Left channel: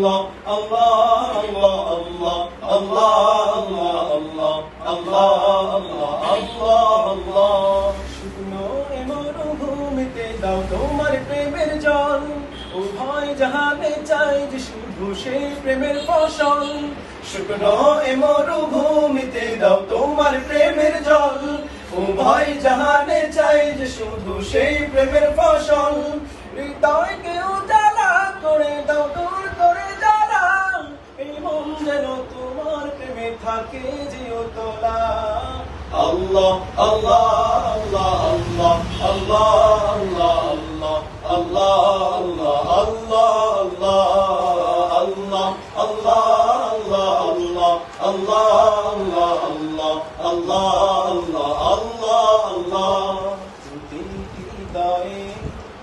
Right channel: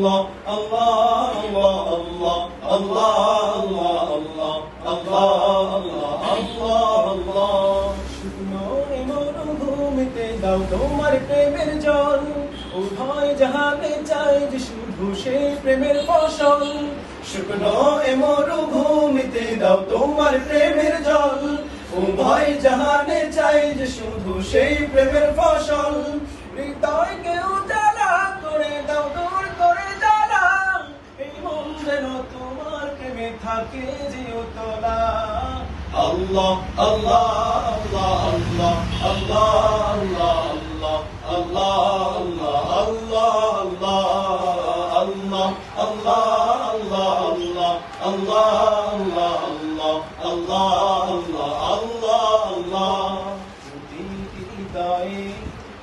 Allah, Allah, Allah, Allah, Allah, Allah, Allah, Allah. শুকনো এ মরুভূমিতে দাও তোমার প্রেমের জল, উভয় জাহানে চাই যে শুধু সেই প্রেমের ফসল। শুকনো এ মরুভূমিতে দাও তোমার প্রেমের জল, উভয় জাহানে চাই যে শুধু সেই প্রেমের ফসল। হৃদয়কে উজালা করে দাও, দূর করে জ্বালা, এই মন যেন তোমার প্রেমে থাকে চিরতলা। আল্লাহ আল্লাহ আল্লাহ আল্লাহ আল্লাহ আল্লাহ আল্লাহ আল্লাহ আল্লাহ আল্লাহ আল্লাহ আল্লাহ আল্লাহ আল্লাহ আল্লাহ আল্লাহ। প্রতিটি হৃদয়ে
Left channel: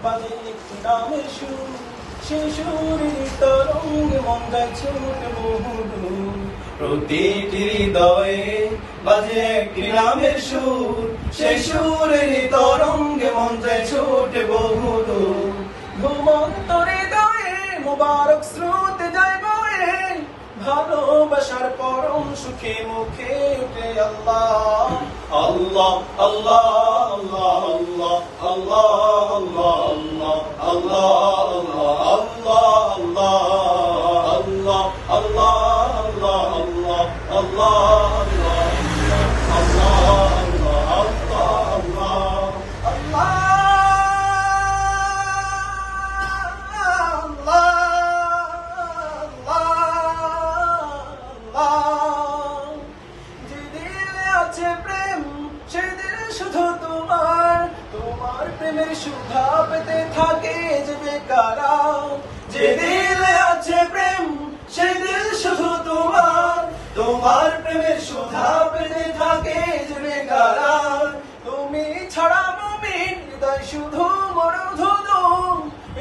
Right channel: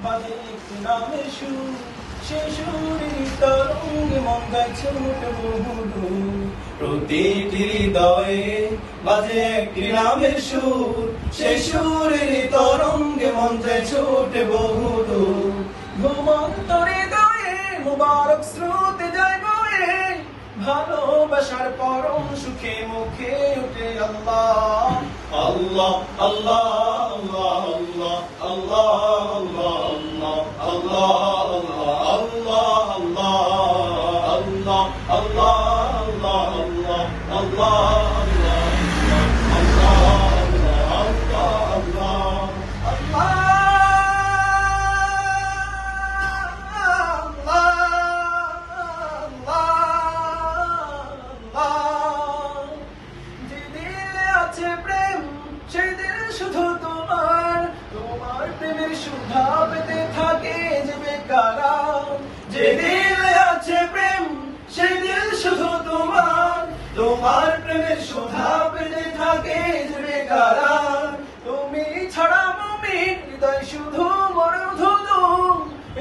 বাজে একটি নামের সুর, সেই সুরের তরঙ্গে মন যায় ছুটে বহুদূর। প্রতিটি হৃদয়ে বাজে একটি নামের সুর, সেই সুরের তরঙ্গে মন যায় ছুটে বহুদূর। ঘুমন্ত হৃদয়ে মুবারক স্রোতে যায় বয়ে, ভালোবাসার পরম সুখে মুখে উঠে আল্লাহ আল্লাহ আল্লাহ আল্লাহ আল্লাহ আল্লাহ আল্লাহ আল্লাহ আল্লাহ প্রেম সেই দিল শুধু তোমার, তোমার প্রেমের সুধা পেতে থাকে যে বেকারা। যে দিলে আছে প্রেম সেই দিল শুধু তোমার, তোমার প্রেমের সুধা পেতে থাকে যে বেকারা। তুমি ছাড়া মুমিন হৃদয় শুধু মরুধনু,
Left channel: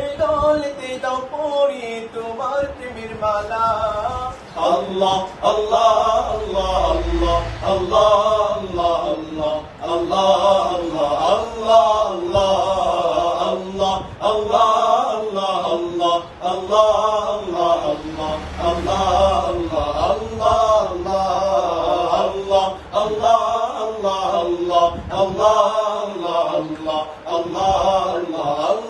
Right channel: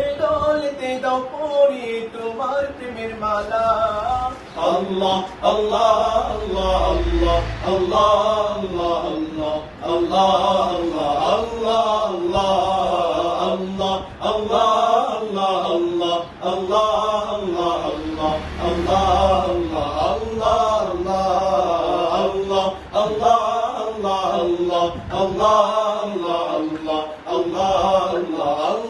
এই দলেতে দাও পরিয়ে তোমার প্রেমের মালা। আল্লাহ আল্লাহ আল্লাহ আল্লাহ আল্লাহ আল্লাহ আল্লাহ আল্লাহ আল্লাহ আল্লাহ আল্লাহ আল্লাহ আল্লাহ আল্লাহ আল্লাহ আল্লাহ